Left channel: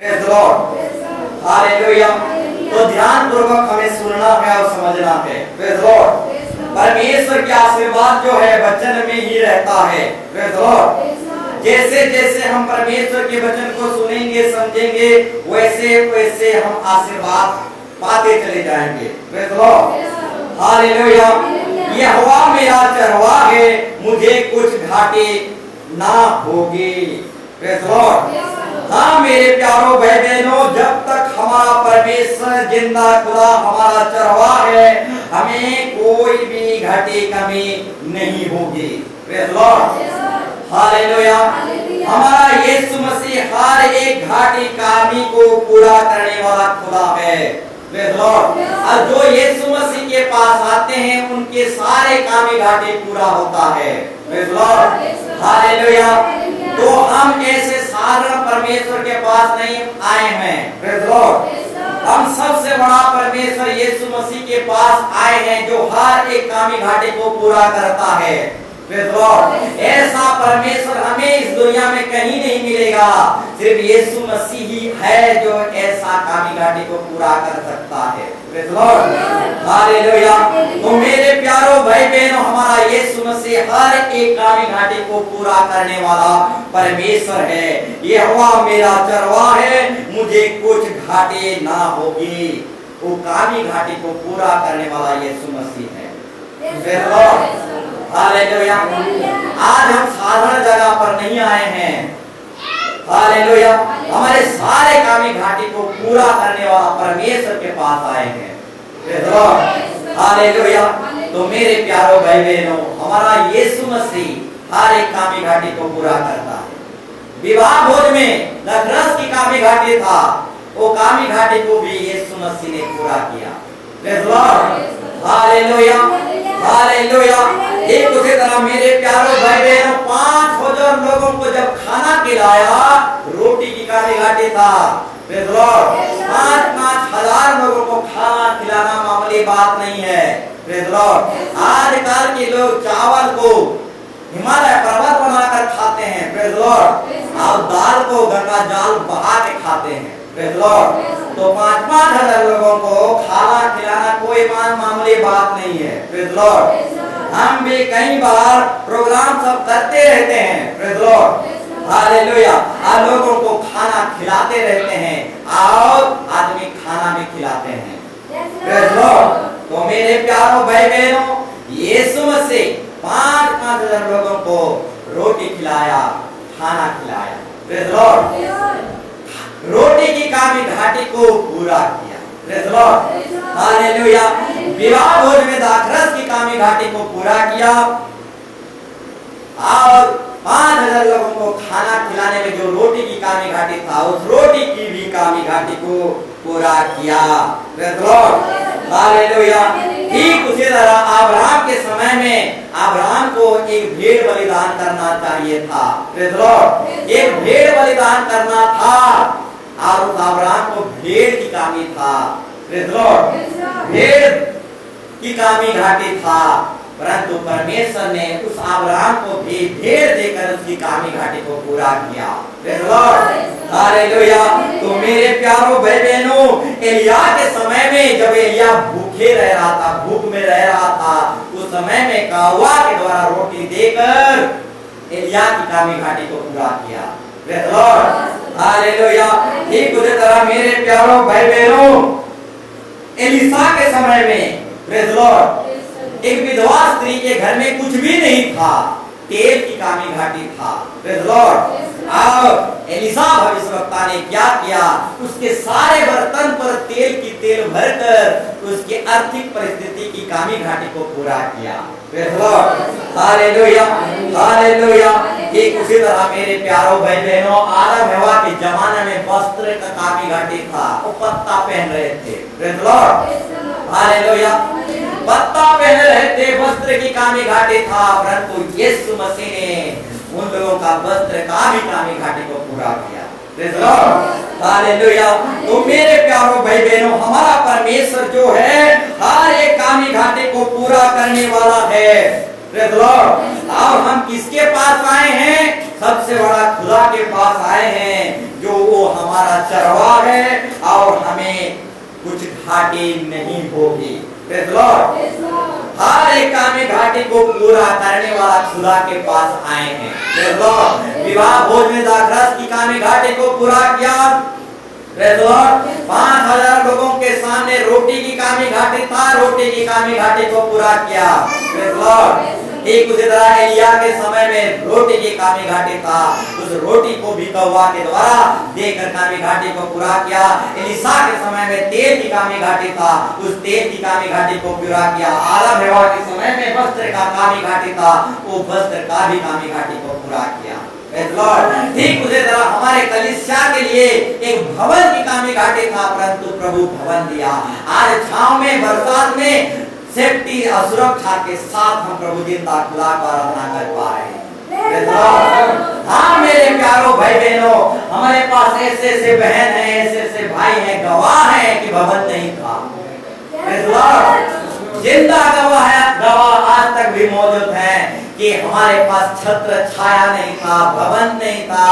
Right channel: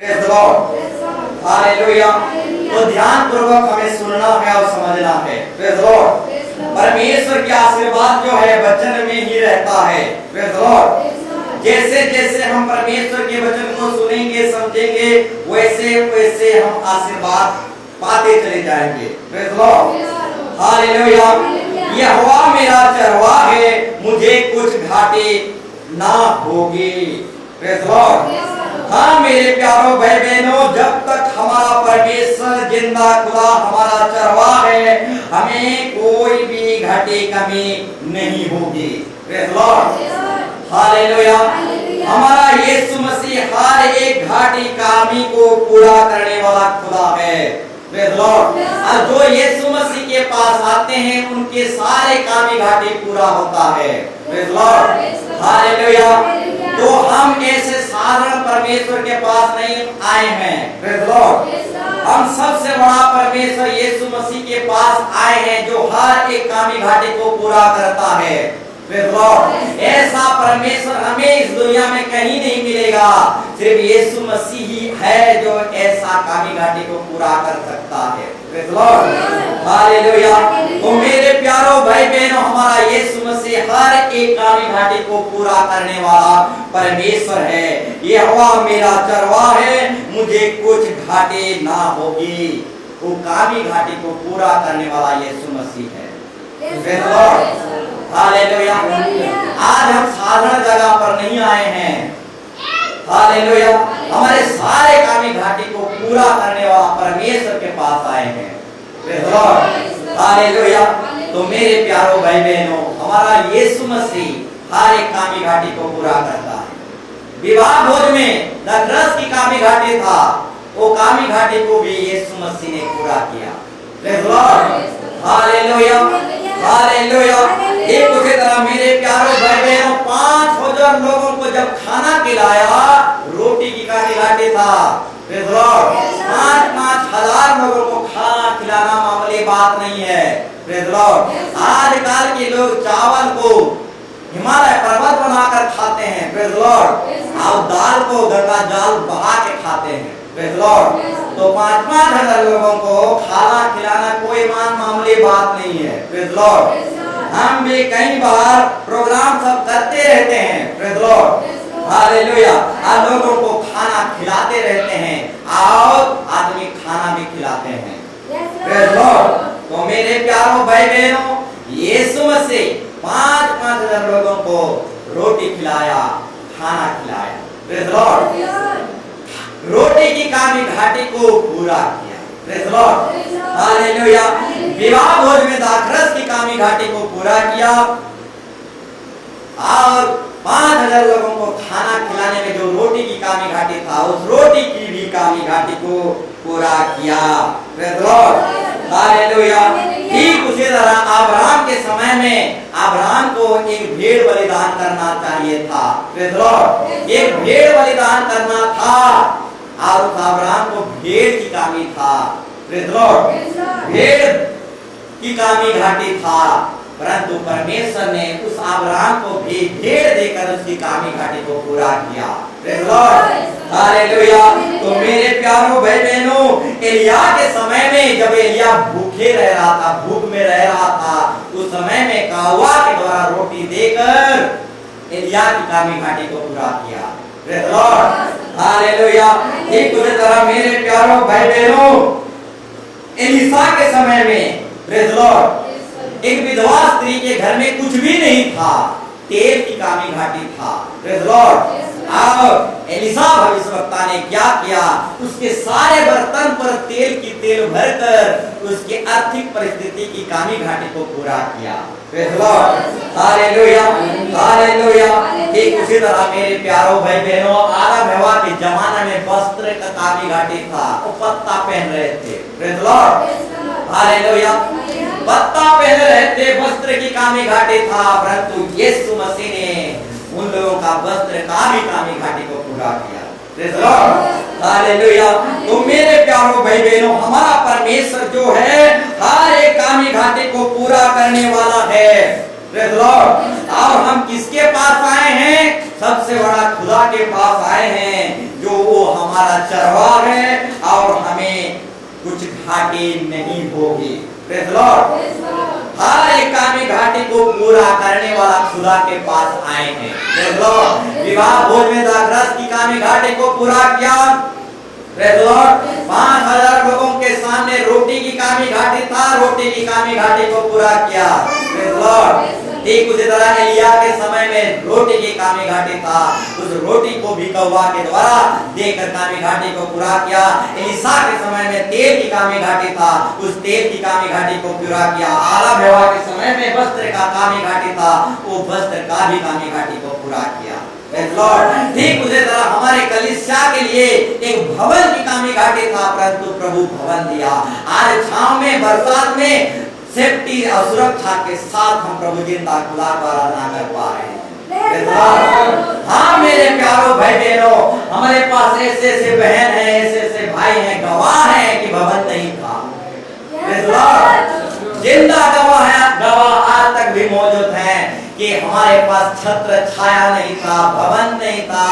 Praise the lord, hallelujah. तो ध्यान पूर्वक हमें सुनना है और समझना है। Praise the Lord. परमेश्वर की आशीर्वाद जो है वचन में ही रहता है। Praise the Lord. जैसे जैसे हम परमेश्वर के वचन को सुनेंगे समझेंगे वैसे वैसे हम आशीर्वाद पाते चले जाएंगे। Praise the lord, hallelujah. यहोवा मेरा चरवाहा है, मुझे कुछ घाटे ना होगी। Praise the lord. हाँ मेरे प्यारों भाई बहनों, जब तक हमारा परमेश्वर जिंदा खुदा हमारा चरवाहा है, हमें कोई भी घटी कमी नहीं होगी। Praise the lord, hallelujah. हमारा यीशु मसीह हर एक घाटी कमी को पूरा करने वाला खुदा है। Praise the Lord. और जो यीशु मसीह के पास आते हैं उनके सारे कामी घाटी पूरा होता है। Praise the lord, hallelujah. तो हम ऐसे साधारण परमेश्वर के पास नहीं आए हैं। Praise the Lord. हम सबसे बड़ा परमेश्वर यीशु मसीह के पास आए हैं जो हर एक कामी घाटी को पूरा करता है। Praise the lord. ऐसा परमेश्वर हमें इस दुनिया में कहीं नहीं मिलेगा, सिर्फ यीशु मसीह ही है जो ऐसा कामी घाटी को पूरा कर सकता है। Praise the lord, hallelujah. तो मेरे प्यारों भाई बहनों, हमारा यीशु मसीह हर एक कामी घाटी को पूरा करने वाला परमेश्वर है। यहोवा मेरा चरवाहा है, मुझे कुछ घाटे ना होगी। वो कामी घाटी को पूरा करने वाला यीशु मसीह है। Praise the lord, hallelujah. आज हम साधारण जगह पर नहीं आए हैं। हालेलुया। हमारे सारे कामी घाटी को पूरा करने वाला परमेश्वर के पास आए हैं। Praise the lord, hallelujah. तो मेरे प्यारों भाई बहनों, हमारा यीशु मसीह हर एक कामी घाटी को पूरा करता है। विवाह भोज में नखरस की कामी घाटी था, वो कामी घाटी को भी यीशु मसीह ने पूरा किया। Praise the lord, hallelujah, hallelujah. एक उसी तरह मेरे प्यारों भाई बहनों, 5,000 लोगों को जब खाना खिलाया, रोटी की कामी घाटी था। Praise the Lord. 5-5 हजार लोगों को खाना खिलाना मामूली बात नहीं है। Praise the Lord. आजकल के लोग चावल को हिमालय पर्वत बनाकर खाते हैं। Praise the Lord. और दाल को गंगा जल बहा के खाते हैं। Praise the lord. तो 5-5 हजार लोगों को खाना खिलाना कोई मामूली बात नहीं है। Praise the Lord. हम भी कई बार प्रोग्राम सब करते रहते हैं। Praise the lord, hallelujah. आप लोगों को खाना खिलाते रहते हैं और आदमी खाना भी खिलाते हैं। Praise the lord. तो मेरे प्यारों भाई बहनों, यीशु मसीह 5-5 हजार लोगों को रोटी खिलाया, खाना खिलाया। Praise the Lord. रोटी की कामी घाटी को पूरा किया। Praise the lord, hallelujah. विवाह भोज में दाखरस की कामी घाटी को पूरा किया और 5,000 लोगों को खाना खिलाने में जो रोटी की कामी घाटी था, उस रोटी की भी कामी घाटी को पूरा किया। Praise the lord, hallelujah. ठीक उसी तरह अब्राहम के समय में अब्राहम को एक भेड़ बलिदान करना चाहिए था। Praise the Lord. एक भेड़ बलिदान करना था और उस अब्राहम को भेड़ की कामी था। Praise the Lord. भेड़ की कामी घाटी था, परंतु परमेश्वर ने उस अब्राहम को भी भेड़ देकर उसकी कामी घाटी को पूरा किया। Praise the lord, hallelujah. तो मेरे प्यारों भाई बहनों, एलिया के समय में जब एलिया भूखे रह रहा था, भूख में रह रहा था, उस समय में कौवा के द्वारा रोटी देकर एलिया की कामी घाटी को पूरा किया। Praise the lord, hallelujah. ठीक उसी तरह मेरे प्यारों भाई बहनों, एलीशा के समय में, प्रेज़ द लॉर्ड, एक विधवा स्त्री के घर में कुछ भी नहीं था, तेल की कामी घाटी था। Praise the Lord. और एलीशा भविष्यवक्ता ने क्या किया, उसके सारे बर्तन पर तेल की तेल भरकर उसकी आर्थिक परिस्थिति की कामी घाटी को पूरा किया। Praise the lord, hallelujah, hallelujah. ठीक उसी तरह मेरे प्यारों भाई बहनों, आदम हवा के जमाने में वस्त्र का कामी घाटी था, वो पत्ता पहन रहे थे। Praise the lord, hallelujah. पत्ता पहन रहे थे, वस्त्र की कामी घाटी था, परंतु यीशु मसीह ने उन लोगों का वस्त्र का भी कामी घाटी को पूरा किया। Praise the lord, hallelujah. तो मेरे प्यारों भाई बहनों, हमारा परमेश्वर जो है हर एक कामी घाटी को पूरा करने वाला है। Praise the Lord. और हम किसके पास आए हैं? सबसे बड़ा खुदा के पास आए हैं, जो वो हमारा चरवाहा है और हमें कुछ घाटी नहीं होगी। Praise the Lord. हर एक कामी घाटी को पूरा करने वाला खुदा के पास आए हैं। Praise the Lord. विवाह भोज में दाखरस की कामी घाटी को पूरा किया। Praise the Lord. 5000 लोगों के सामने रोटी की कामी घाटी था, रोटी की कामी घाटी को पूरा किया। Praise the Lord. ठीक उसी तरह एलिया के समय में रोटी की कामी घाटी था, उस रोटी को भी कौवा के द्वारा देकर कामी घाटी को पूरा किया। एलिशा के समय में तेल की कामी घाटी था, उस तेल की कामी घाटी को पूरा किया। आदम हवा के समय में वस्त्र का कामी घाटी था, वो वस्त्र का भी कामी घाटी को पूरा किया। ठीक उसी तरह हमारे कलीसिया के लिए एक भवन की कामी घाटी था, परंतु प्रभु भवन दिया। आज छांव में, बरसात में सेफ्टी और सुरक्षा के साथ हम प्रभु जिंदा खुदा को आराधना कर पा रहे हैं। हाँ मेरे प्यारों भाई बहनों, हमारे पास ऐसे ऐसे बहन हैं, ऐसे ऐसे भाई हैं, गवाह हैं कि भवन नहीं था। जिंदा गवाह आज तक भी मौजूद हैं कि हमारे पास छत्र छाया नहीं था, भवन नहीं था।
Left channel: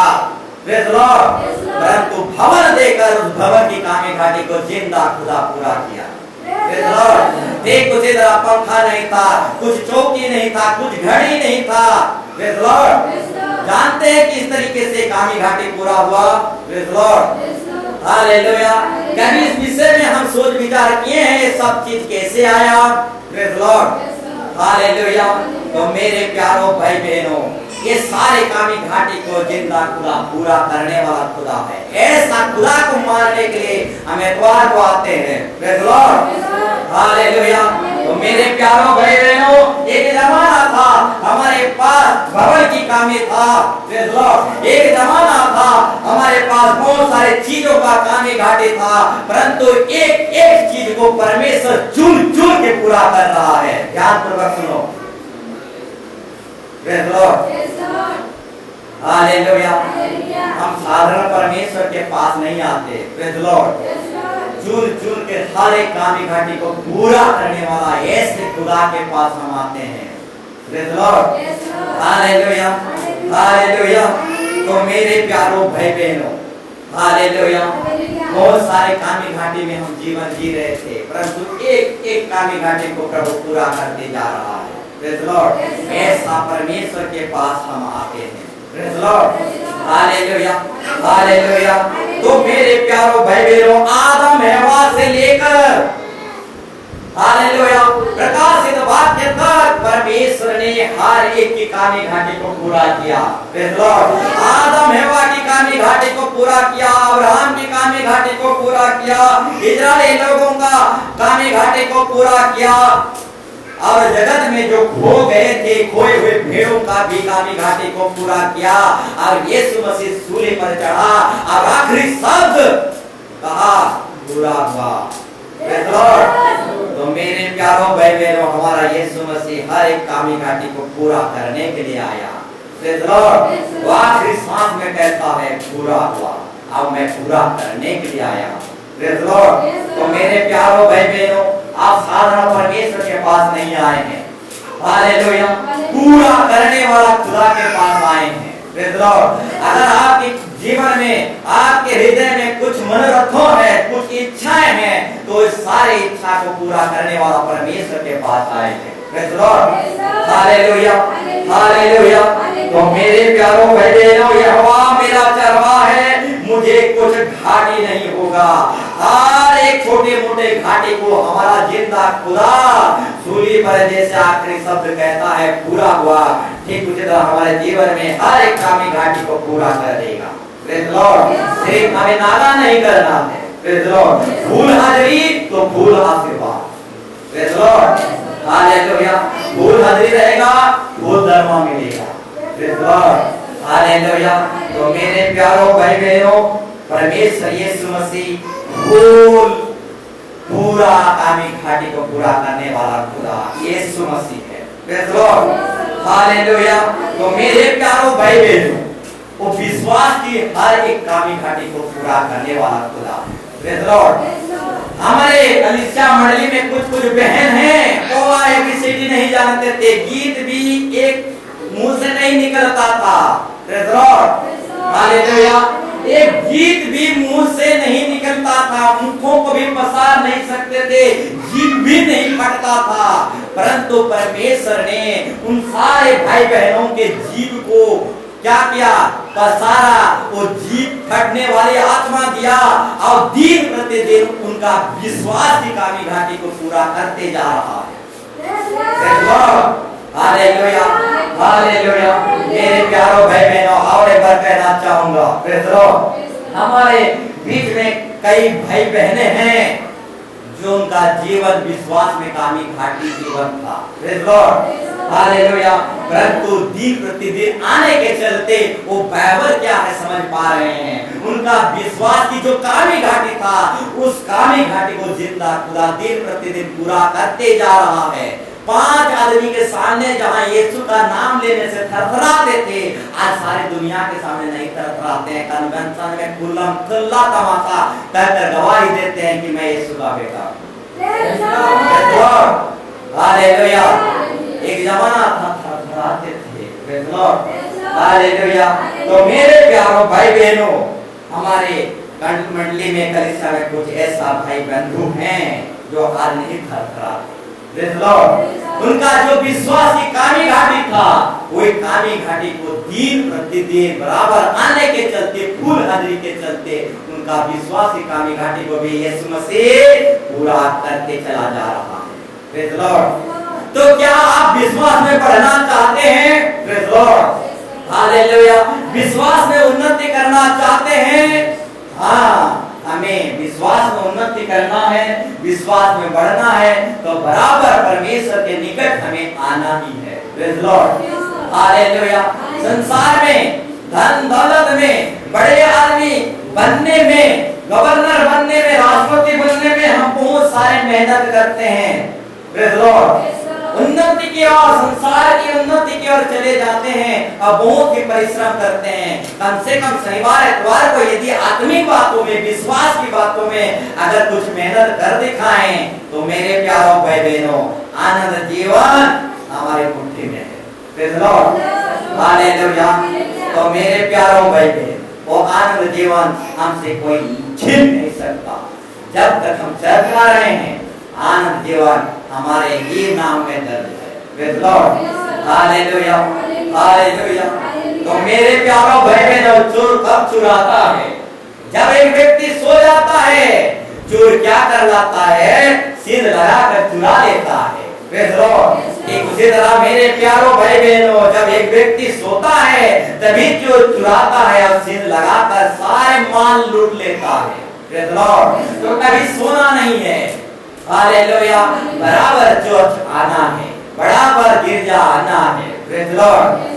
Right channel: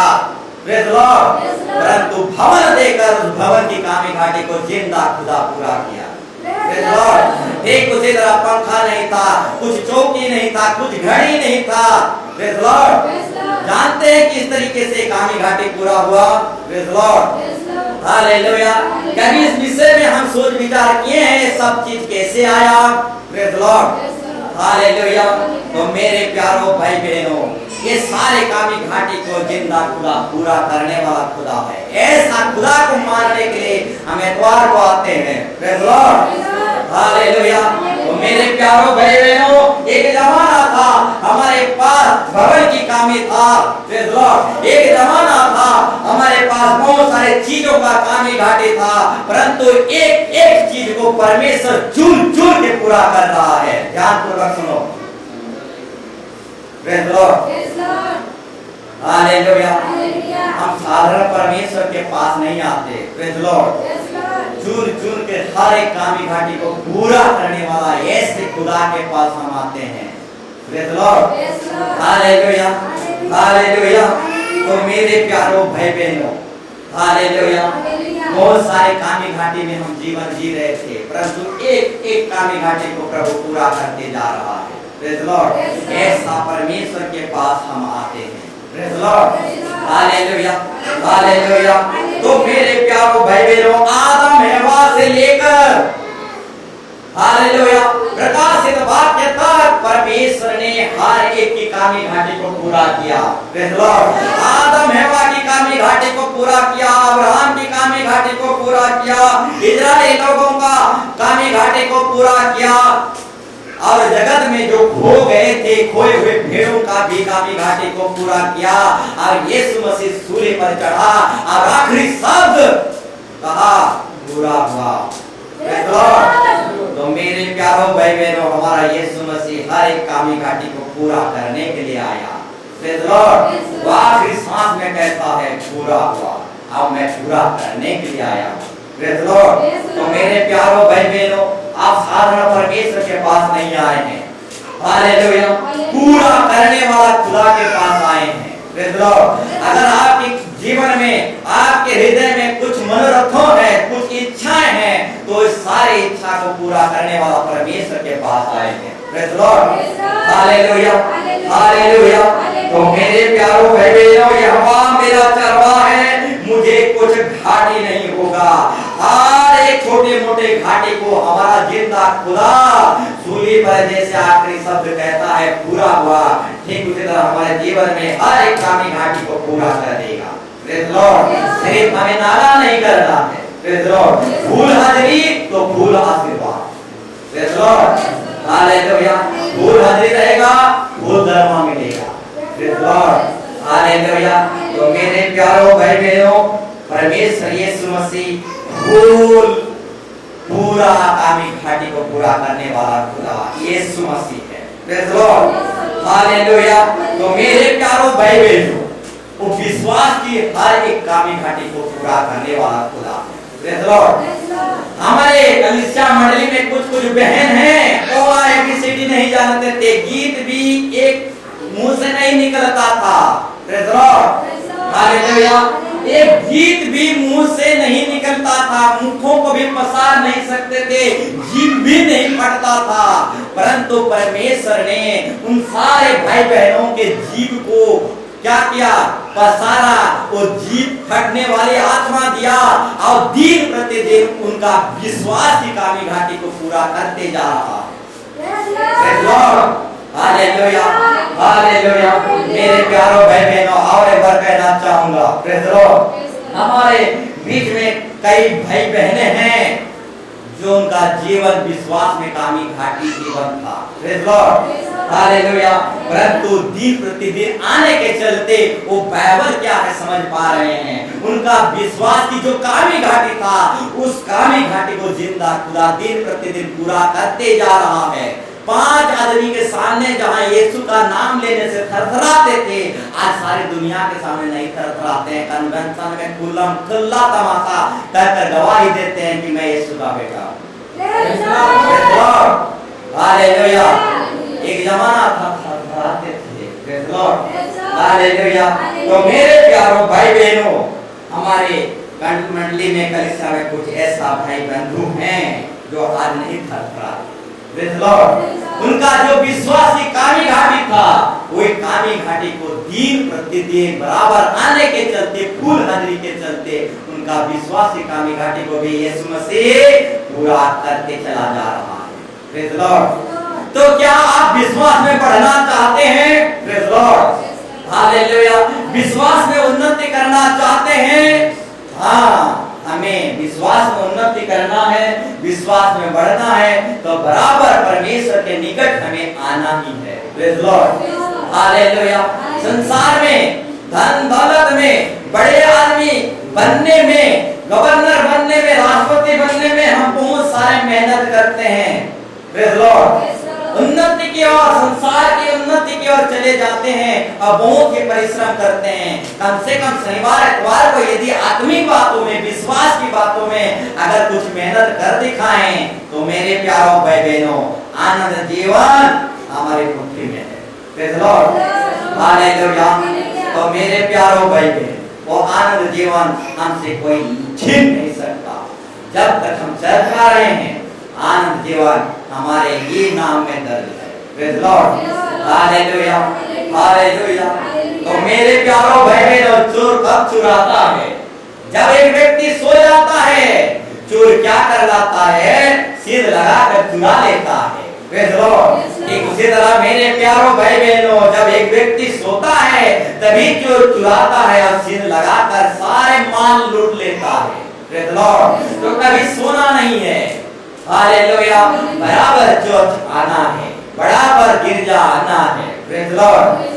Praise the lord. परंतु भवन देकर उस भवन की कामी घाटी को जिंदा खुदा पूरा किया। Praise the Lord. ठीक उसी तरह पंखा नहीं था, कुछ चौकी नहीं था, कुछ घड़ी नहीं था। Praise the Lord. जानते हैं कि इस तरीके से कामी घाटी पूरा हुआ। Praise the lord. हालेलुया। कभी इस विषय में हम सोच विचार किए हैं ये सब चीज कैसे आया? Praise the lord. हालेलुया। तो मेरे प्यारों भाई बहनों, ये सारे कामी घाटी को जिंदा खुदा पूरा करने वाला खुदा है। ऐसा खुदा को मानने के लिए हम एतवार को आते हैं। Praise the lord. हालेलुया। तो मेरे प्यारों भाई बहनों, एक जमाना था हमारे पास भवन की कामी था। Praise the Lord. एक जमाना था हमारे पास बहुत सारे चीजों का कामी घाटी था, परंतु एक एक चीज को परमेश्वर चुन चुन के पूरा कर रहा है। ध्यान पूर्वक सुनो। Praise the lord. हालेलुया। हम साधारण परमेश्वर के पास नहीं आते। Praise the Lord. चुन चुन के हर एक कामी घाटी को पूरा करने वाला ऐसे खुदा के पास हम आते हैं। Praise the lord. Hallelujah. Hallelujah. तो मेरे प्यारों भाई बहनों, हालेलुया। बहुत सारे कामी घाटी में हम जीवन जी रहे थे, परंतु एक एक कामी घाटी को प्रभु पूरा करते जा रहा है। Praise the lord. ऐसा परमेश्वर के पास हम आते हैं। Praise the lord. Hallelujah. Hallelujah. तो मेरे प्यारों भाई बहनों, आदम हवा से लेकर हालेलुया प्रकाशित वाक्य तक परमेश्वर ने हर एक की कामी घाटी को पूरा किया। Praise the Lord. आदम हवा की कामी घाटी को पूरा किया, अब्राहम की कामी घाटी को पूरा किया, इजराइली लोगों का कामी घाटी को पूरा किया, और जगत में जो खो गए थे, खोए हुए भेड़ों का भी कामी घाटी को पूरा किया। और यीशु मसीह सूली पर चढ़ा और आखिरी शब्द कहा, पूरा हुआ। Praise the lord. तो मेरे प्यारों भाई बहनों, हमारा यीशु मसीह हर एक कामी घाटी को पूरा करने के लिए आया। Praise the Lord. वो आखिरी सांस में कहता है, पूरा हुआ, अब मैं पूरा करने के लिए आया। Praise the lord. तो मेरे प्यारों भाई बहनों, आप साधारण परमेश्वर के पास नहीं आए हैं। हालेलुया। पूरा करने वाला खुदा के पास आए हैं। Praise the Lord. अगर आपके जीवन में, आपके हृदय में कुछ मनोरथों है, कुछ इच्छाएं हैं, तो इस सारी इच्छा को पूरा करने वाला परमेश्वर के पास आए हैं। Praise the lord. Hallelujah. Hallelujah. तो मेरे प्यारों भाई बहनों, यहोवा मेरा चरवाहा है, मुझे कुछ घाटी नहीं होगा। हर एक छोटे मोटे घाटी को हमारा जिंदा खुदा सूली पर जैसे आखिरी शब्द कहता है, पूरा हुआ, ठीक उसी तरह हमारे जीवन में हर एक कामी घाटी को पूरा कर देगा। Praise the Lord. सिर्फ हमें नागा नहीं करना है। Praise the Lord. फूल हाजिरी तो फूल आशीर्वाद। Praise the lord. हालेलुया। फूल हाजिरी रहेगा, फूल दरमा मिलेगा। Praise the lord. हालेलुया। तो मेरे प्यारों भाई बहनों, परमेश्वर यीशु मसीह फूल पूरा कामी घाटी को पूरा करने वाला खुदा यीशु मसीह है। Praise the lord. हालेलुया। तो मेरे प्यारों भाई बहनों, वो विश्वास की हर एक कामी घाटी को पूरा करने वाला खुदा है। Praise the Lord. हमारे कलीसिया मंडली में कुछ बहन हैं, वो ABCD नहीं जानते थे, गीत भी एक मुंह से नहीं निकलता था। Praise the lord, hallelujah. एक गीत भी मुंह से नहीं निकलता था, मुखों को भी पसार नहीं सकते थे, जीभ भी नहीं फटता था, परंतु परमेश्वर ने उन सारे भाई बहनों के जीभ को क्या किया? पसारा, वो जीभ फटने वाली आत्मा दिया और दिन प्रतिदिन उनका विश्वास की कामी घाटी को पूरा करते जा रहा है। Hallelujah, hallelujah. मेरे प्यारों भाई बहनों, और एक बार कहना चाहूंगा, प्रेज़ द लॉर्ड, हमारे बीच में कई भाई बहने हैं जो उनका जीवन विश्वास में कामी घाटी जीवन था। Praise the lord, hallelujah. परंतु दिन प्रतिदिन आने के चलते वो बाइबल क्या है समझ पा रहे हैं। उनका विश्वास की जो कामी घाटी था, उस कामी घाटी को जिंदा खुदा दिन प्रतिदिन पूरा करते जा रहा है। 5 आदमी के सामने जहां यीशु का नाम लेने से थरथराते थे, आज सारी दुनिया के सामने नहीं थरथराते हैं। कन्वेंशन में खुल्लम खुल्ला तमाशा कहकर गवाही देते हैं कि मैं यीशु का बेटा हूं। हालेलुया। एक जमाना था थरथराते थे। Praise the lord, hallelujah. तो मेरे प्यारों भाई बहनों, हमारे मंडली में कलीसिया में कुछ ऐसा भाई बंधु हैं जो आज नहीं थरथराते। प्रेज़ द लॉर्ड, उनका जो विश्वास की कामी घाटी था, वो कामी घाटी को दिन प्रतिदिन बराबर आने के चलते, फूल हाजिरी के चलते, उनका विश्वास की कामी घाटी को भी यीशु मसीह पूरा करके चला जा रहा है। Praise the lord. तो क्या आप विश्वास में बढ़ना चाहते हैं? Praise the lord, hallelujah. विश्वास में उन्नति करना चाहते हैं? हाँ, हमें विश्वास में उन्नति करना है, विश्वास में बढ़ना है, तो बराबर परमेश्वर के निकट हमें आना ही है। Praise the lord, hallelujah. संसार में धन दौलत में, बड़े आदमी बनने में, गवर्नर बनने में, राष्ट्रपति बनने में हम बहुत सारे मेहनत करते हैं। प्रेज़ द लॉर्ड, उन्नति की ओर, संसार की उन्नति की ओर चले जाते हैं और बहुत ही परिश्रम करते हैं। कम से कम शनिवार इतवार को यदि आत्मिक बातों में, विश्वास की बातों में अगर कुछ मेहनत कर दिखाएं, तो मेरे प्यारों भाई बहनों, आनंद जीवन हमारे मुट्ठी में है। Praise the lord, hallelujah. तो मेरे प्यारों भाई बहन, वो आनंद जीवन हमसे कोई छीन नहीं सकता। जब तक हम चल रहे हैं, आनंद जीवन हमारे ही नाम में दर्ज है। Praise the lord, hallelujah, hallelujah. तो मेरे प्यारों भाई बहनों, चोर कब चुराता है? जब एक व्यक्ति सो जाता है। चोर क्या कर लाता है? सिर लगाकर चुरा लेता है। Praise the Lord. एक उसी तरह मेरे प्यारों भाई बहनों, जब एक व्यक्ति सोता है तभी चोर चुराता है और सिर लगाकर सारे माल लूट लेता है। Praise the lord. तो कभी सोना नहीं है। हालेलुया। बराबर चर्च आना है, बराबर गिरजा आना है। Praise the Lord.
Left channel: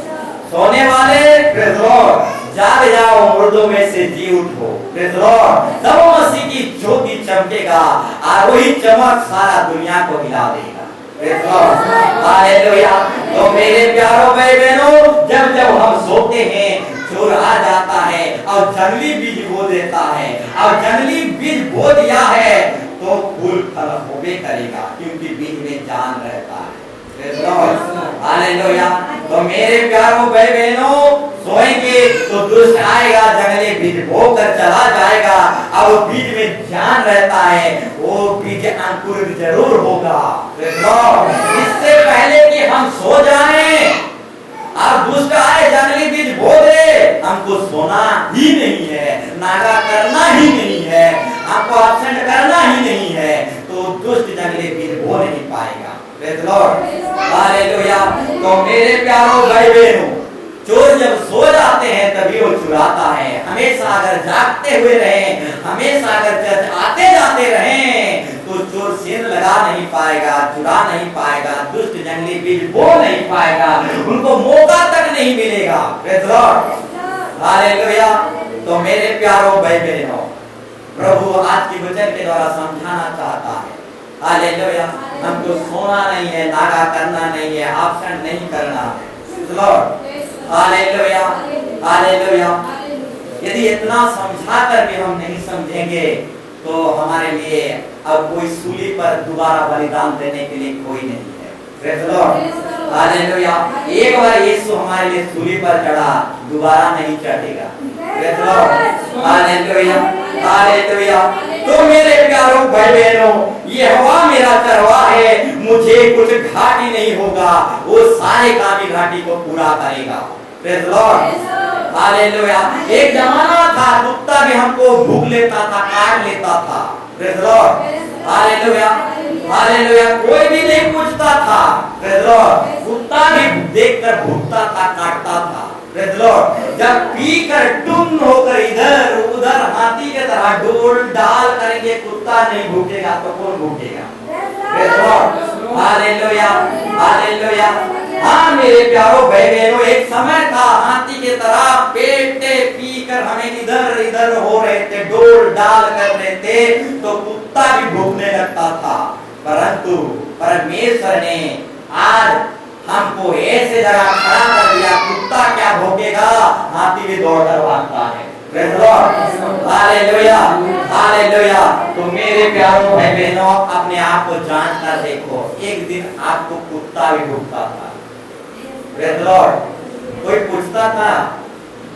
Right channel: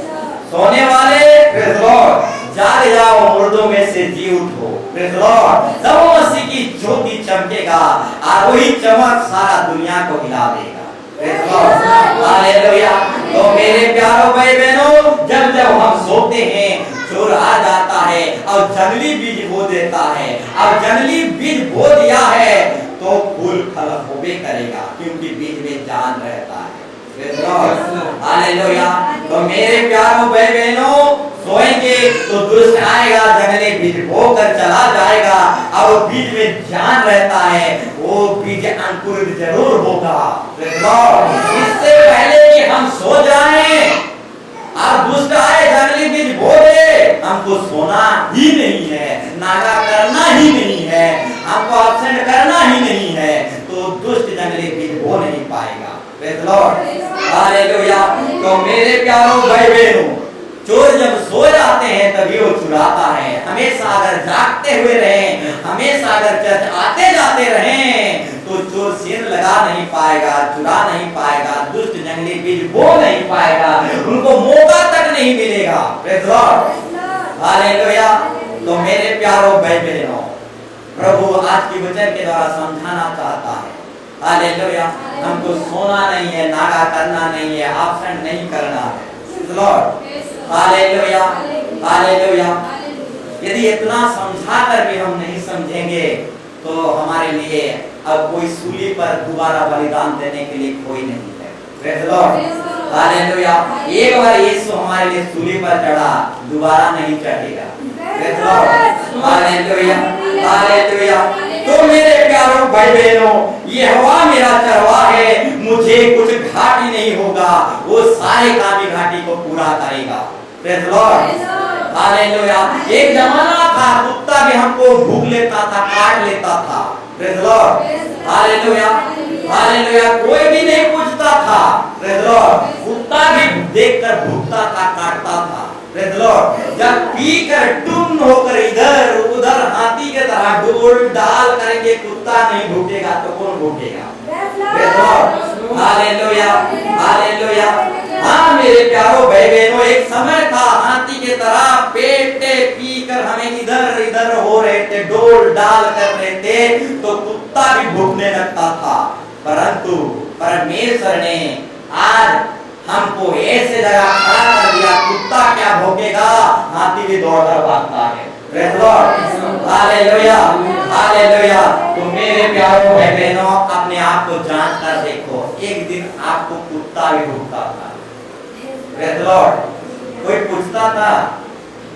सोने वाले, प्रेज़ द लॉर्ड, जाग जाओ, मुर्दों में से जी उठो। Praise the Lord. तब मसीह की ज्योति चमकेगा और वही चमक सारा दुनिया को हिला देगा। Praise the lord, hallelujah. तो मेरे प्यारों भाई बहनों, जब जब हम सोते हैं, चोर आ जाता है और जंगली बीज बो देता है, और जंगली बीज बो दिया है तो फूल फल होबे करेगा, क्योंकि बीज में जान रहता है। Praise the lord, hallelujah. तो मेरे प्यारों भाई बहनों, सोएंगे तो दुष्ट आएगा, जंगली बीज बोकर चला जाएगा, और वो बीज में जान रहता है, वो बीज अंकुरित जरूर होगा। Praise the Lord. इससे पहले कि हम सो जाएं और दुष्ट आए जंगली बीज बो दे, हमको सोना ही नहीं है, नागा करना ही नहीं है, हमको एब्सेंट करना ही नहीं है, तो दुष्ट जंगली बीज बो नहीं पाएगा। Praise the lord, hallelujah. तो मेरे प्यारों भाई बहनों, चोर जब सो जाते हैं तभी वो चुराता है। हमेशा अगर जागते हुए रहें, हमेशा अगर चर्च आते जाते रहें, तो चोर सीन लगा नहीं पाएगा, चुरा नहीं पाएगा, दुष्ट जंगली बीज बो नहीं पाएगा, उनको मौका तक नहीं मिलेगा। Praise the lord, hallelujah. तो मेरे प्यारों भाई बहनों, प्रभु आज की वचन के द्वारा समझाना चाहता है, हालेलुया, हमको सोना नहीं है, नागा करना नहीं है, एब्सेंट नहीं करना है। Praise the lord, hallelujah, hallelujah. यदि इतना समझा कर भी हम नहीं समझेंगे तो हमारे लिए अब कोई सूली पर दोबारा बलिदान देने के लिए कोई नहीं है। Praise the lord, hallelujah. एक बार यीशु हमारे लिए सूली पर चढ़ा, दोबारा नहीं चढ़ेगा। Praise the lord, hallelujah, hallelujah. तो मेरे प्यारों भाई बहनों, यहोवा मेरा चरवाहा है, मुझे कुछ घाटी नहीं होगा, वो सारे कामी घाटी को पूरा करेगा। Praise the lord, hallelujah. एक जमाना था कुत्ता भी हमको भूख लेता था, काट लेता था। Praise the lord, hallelujah, hallelujah. कोई भी नहीं पूछता था। प्रेज़ द लॉर्ड, कुत्ता भी देखकर भूखता था, काटता था। प्रेज़ द लॉर्ड, जब पीकर टुन होकर इधर उधर हाथी के तरह डोल डाल करेंगे, कुत्ता नहीं भूखेगा तो कौन भूखेगा? Praise the lord, hallelujah, hallelujah. हाँ मेरे प्यारों भाई बहनों, एक समय था हाथी के तरह पेटे पीकर हमें इधर इधर हो रहे थे, डोल डाल कर रहे थे, तो कुत्ता भी भूखने लगता था। परंतु परमेश्वर ने आज हमको ऐसे जगह खड़ा कर दिया, कुत्ता क्या भोगेगा, हाथी भी दौड़कर भागता है। Praise the lord, hallelujah, hallelujah. तो मेरे प्यारों भाई बहनों, अपने आप को जांच कर देखो, एक दिन आपको कुत्ता भी भोगता था। प्रेज़ द लॉर्ड, कोई पूछता था?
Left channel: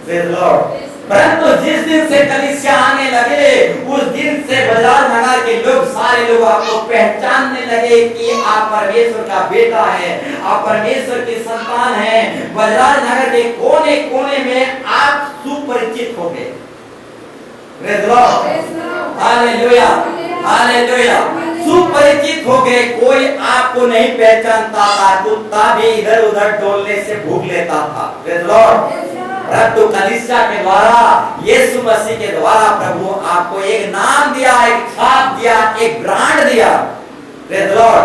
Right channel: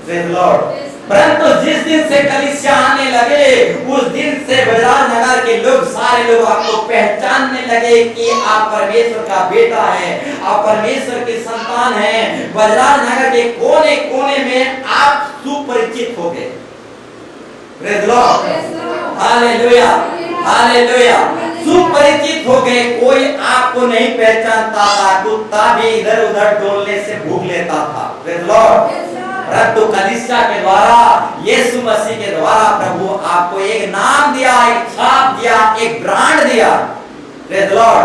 Praise the lord. परंतु जिस दिन से कलीसिया आने लगे, उस दिन से बाजार नगर के लोग, सारे लोग आपको पहचानने लगे कि आप परमेश्वर का बेटा है, आप परमेश्वर की संतान है। बाजार नगर के कोने कोने में आप सुपरिचित हो गए। Praise the lord, hallelujah, hallelujah. सुपरिचित हो गए, कोई आपको नहीं पहचानता था, कुत्ता भी इधर उधर डोलने से भूख लेता था। Praise the lord. परंतु कलीसिया के द्वारा, यीशु मसीह के द्वारा प्रभु आपको एक नाम दिया, एक छाप दिया, एक ब्रांड दिया। Praise the lord,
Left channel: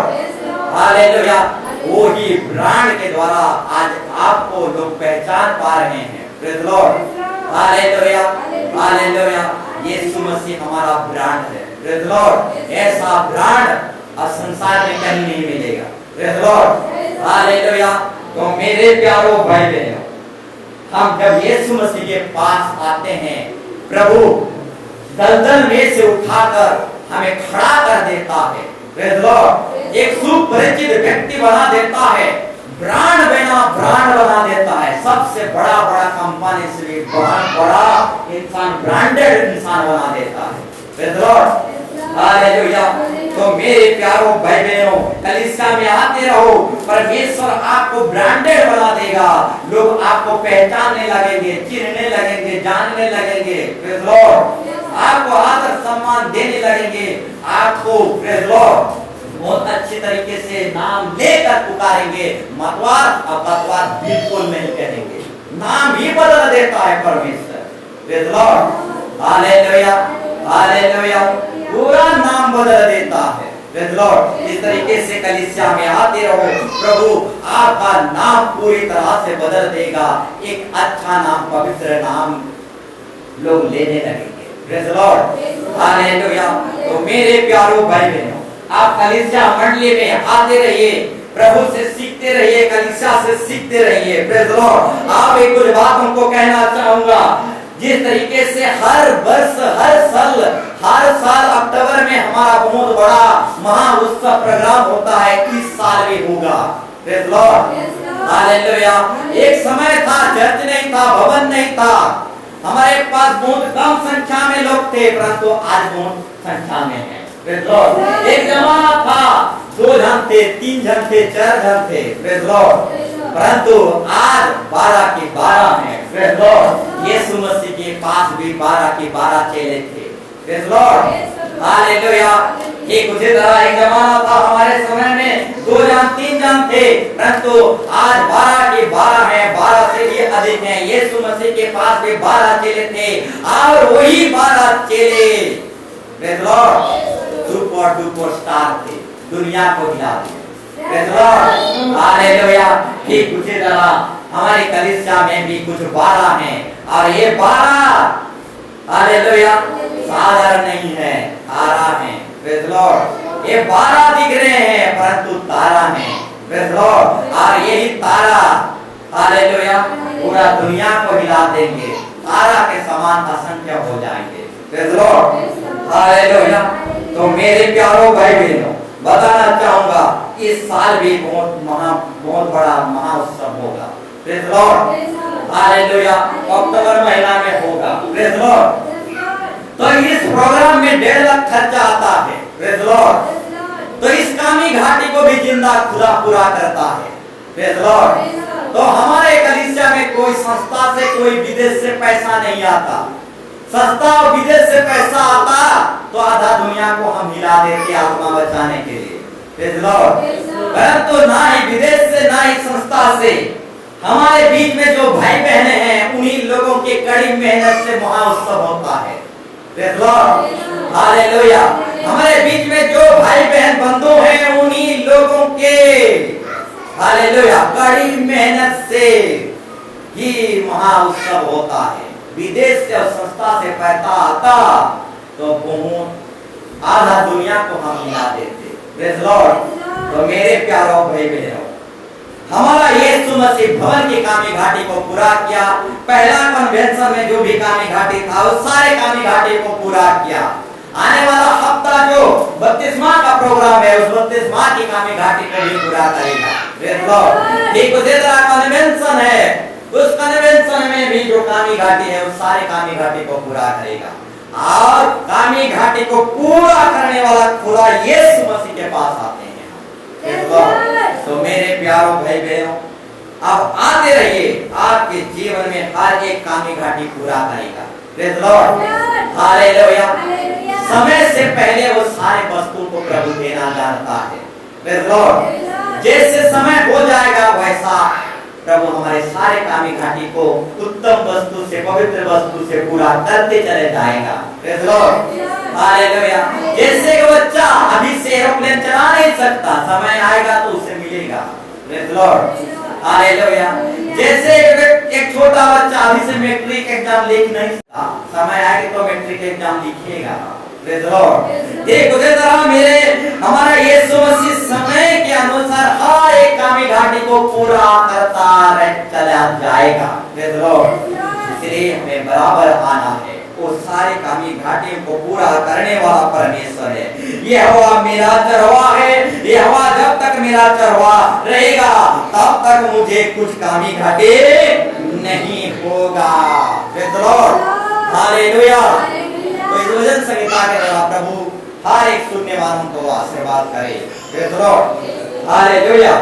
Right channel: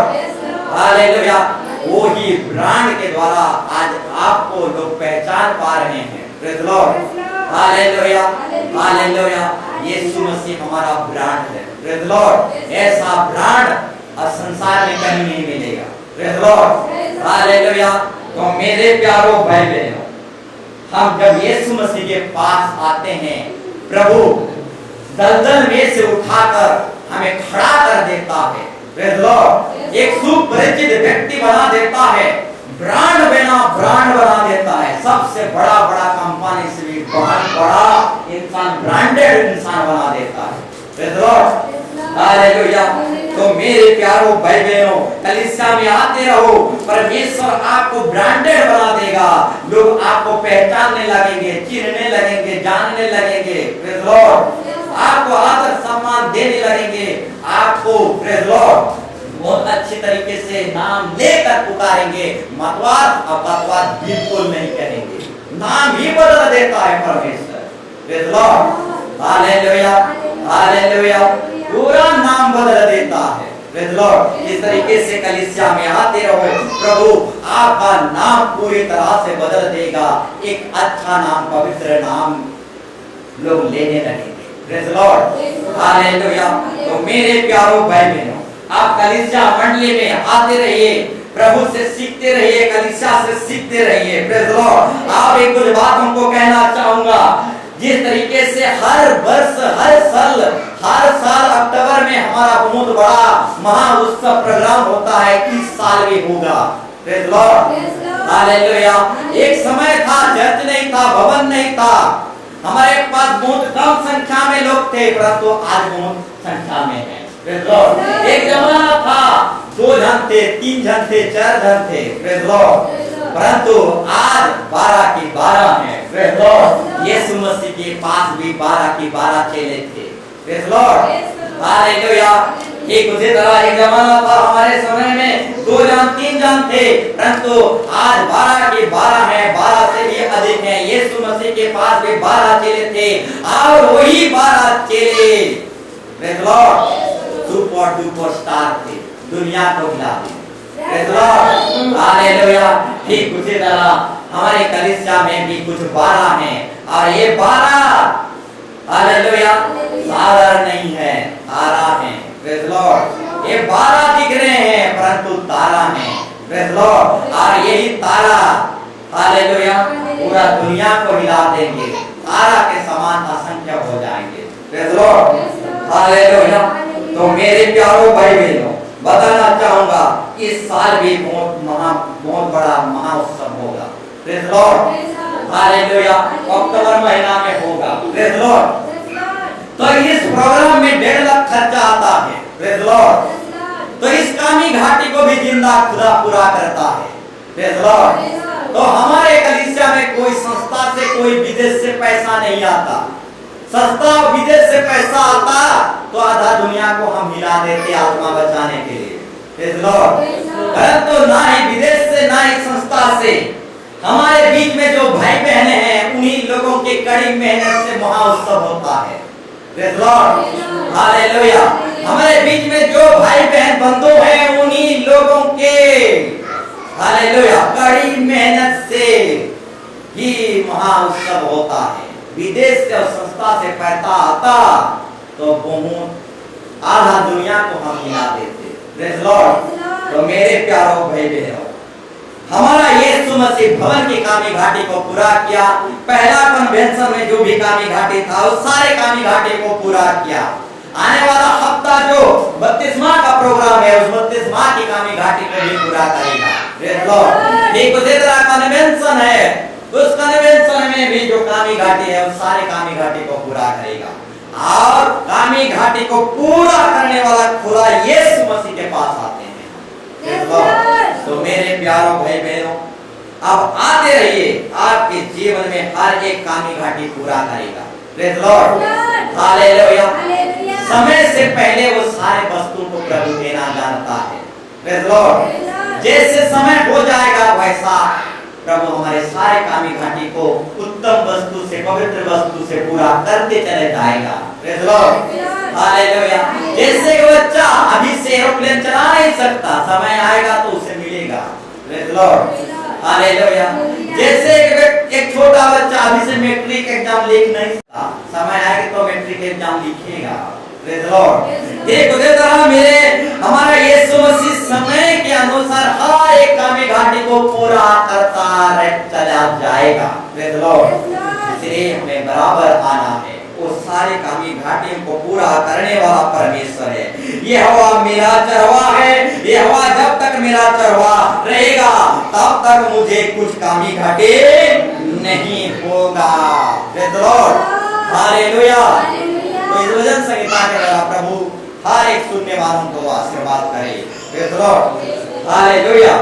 hallelujah. वो ही ब्रांड के द्वारा आज आपको लोग पहचान पा रहे हैं। Praise the lord, hallelujah, hallelujah. यीशु मसीह हमारा ब्रांड है। प्रेज़ द लॉर्ड, ऐसा ब्रांड आज संसार में कहीं नहीं मिलेगा। Praise the lord, hallelujah. तो मेरे प्यारों भाई बहनों, हम जब यीशु मसीह के पास आते हैं, प्रभु दलदल में से उठाकर हमें खड़ा कर देता है। प्रेज़ द लॉर्ड, एक सुपरिचित व्यक्ति बना देता है, ब्रांड बना देता है। सबसे बड़ा कंपनी से भी बड़ा इंसान, ब्रांडेड इंसान बना देता है। Praise the lord, hallelujah. तो मेरे प्यारों भाई बहनों, कलीसिया में आते रहो, परमेश्वर आपको ब्रांडेड बना देगा। लोग आपको पहचानने लगेंगे, चिन्हने लगेंगे, जानने लगेंगे। प्रेज़ द लॉर्ड, आपको आदर सम्मान देने लगेंगे, आपको प्रेज़ द लॉर्ड बहुत अच्छे तरीके से नाम लेकर पुकारेंगे। मतवार और पतवार बिल्कुल नहीं करेंगे, नाम ही बदल देता है परमेश्वर। Praise the lord, hallelujah, hallelujah. पूरा नाम बदल देता है। प्रेज़ द लॉर्ड, इस तरीके से कलीसिया में आते रहो, प्रभु आपका नाम पूरी तरह से बदल देगा। एक अच्छा नाम, पवित्र नाम लोग लेने लगेंगे। Praise the lord, hallelujah. तो मेरे प्यारों भाई बहनों, आप कलीसिया मंडली में आते रहिए, प्रभु से सीखते रहिए, कलीसिया से सीखते रहिए। Praise the Lord. आप एक कुछ बात हमको कहना चाहूंगा, जिस तरीके से हर वर्ष हर साल अक्टूबर में हमारा बहुत बड़ा महाउत्सव प्रोग्राम होता है, इस साल भी होगा। Praise the lord, hallelujah. एक समय था, चर्च नहीं था, भवन नहीं था, हमारे पास बहुत कम संख्या में लोग थे, परंतु आज बहुत संख्या में है। Praise the Lord. एक जमाना था 2 जन थे, 3 जन थे, 4 जन थे। Praise the lord. परंतु आज 12 की 12 हैं। Praise the lord. यीशु मसीह के पास भी 12 की 12 चेले थे। Praise the lord, hallelujah. एक उसी तरह एक जमाना था हमारे समय में 2 जन 3 जन थे, परंतु आज 12 की 12 हैं, 12 से भी अधिक हैं। यीशु मसीह के पास भी 12 चेले थे, और वही 12 चेले praise the Lord super duper star थे, दुनिया को हिला दिए। Praise the lord, hallelujah. ठीक उसी तरह हमारे कलीसिया में भी कुछ 12 हैं, और ये 12 हालेलुया साधारण नहीं है, तारा है। Praise the Lord. ये 12 दिख रहे हैं, परंतु तारा है। Praise the Lord. और यही तारा हालेलुया पूरा दुनिया को हिला देंगे, तारा के समान असंख्य हो जाएंगे। Praise the lord, hallelujah. तो मेरे प्यारों भाई बहनों, बताना चाहूंगा इस साल भी बहुत बड़ा महाउत्सव होगा। Praise the lord, hallelujah. अक्टूबर महीना में होगा। Praise the lord. तो इस प्रोग्राम में 1.5 लाख खर्चा आता है। Praise the lord. तो इस कामी घाटी को भी जिंदा खुदा पूरा करता है। Praise the lord. तो हमारे कलीसिया में कोई संस्था से, कोई विदेश से पैसा नहीं आता। संस्था और विदेश से पैसा आता तो आधा दुनिया को हम हिला देते आत्मा बचाने के लिए। Praise the lord. परंतु ना ही विदेश से ना ही संस्था से, हमारे बीच में जो भाई बहने हैं उन्हीं लोगों के कड़ी मेहनत से महाउत्सव होता है। Praise the lord, hallelujah. हमारे बीच में जो भाई बहन बंधु हैं उन्हीं लोगों के, हालेलुया, कड़ी मेहनत से ही महाउत्सव होता है। विदेश से और संस्था से पैसा आता तो बहुत आधा दुनिया को हम हिला देते। Praise the lord. तो मेरे प्यारों भाई बहनों, हमारा यीशु मसीह भवन की कामी घाटी को पूरा किया। पहला कन्वेंशन में जो भी कामी घाटी था उस सारे कामी घाटी को पूरा किया। आने वाला हफ्ता जो बपतिस्मा का प्रोग्राम है उस बपतिस्मा की कामी घाटी को भी पूरा करेगा। Praise the Lord. ठीक उसी तरह कन्वेंशन है, उस कन्वेंशन में भी जो कामी घाटी है उस सारे कामी घाटी को पूरा करेगा। और कामी घाटी को पूरा करने वाला खुदा यीशु मसीह के पास आते हैं। तो मेरे प्यारों भाई बहनों, अब आते रहिए, आपके जीवन में हर एक कामी घाटी पूरा करेगा। Praise the lord, hallelujah. समय से पहले वो सारे वस्तु को प्रभु देना जानता है। Praise the Lord. जैसे समय हो जाएगा वैसा प्रभु हमारे सारे कामी घाटी को उत्तम वस्तु से, पवित्र वस्तु से पूरा करते चले जाएगा। Praise the lord, hallelujah. जैसे एक बच्चा अभी से एरोप्लेन चला नहीं सकता, समय आएगा तो उसे मिलेगा। Praise the lord, hallelujah. जैसे एक छोटा बच्चा अभी से मैट्रिक एग्जाम लिख नहीं सकता, समय आएगा तो मैट्रिक एग्जाम लिखेगा। Praise the Lord. एक उसी तरह हमारा यीशु मसीह समय के अनुसार हर एक कामी घाटी को पूरा करता चला जाएगा। Praise the Lord. इसलिए हमें बराबर आना है। वो सारे कामी घाटियों को पूरा करने वाला परमेश्वर है। यहोवा मेरा चरवाहा है। यहोवा जब तक मेरा चरवाहा रहेगा तब तक मुझे कुछ कामी घाटे नहीं होगा। Praise the lord, hallelujah. तो इस वचन संहिता के द्वारा प्रभु हर एक सुनने वालों को आशीर्वाद करे। Praise the lord, hallelujah.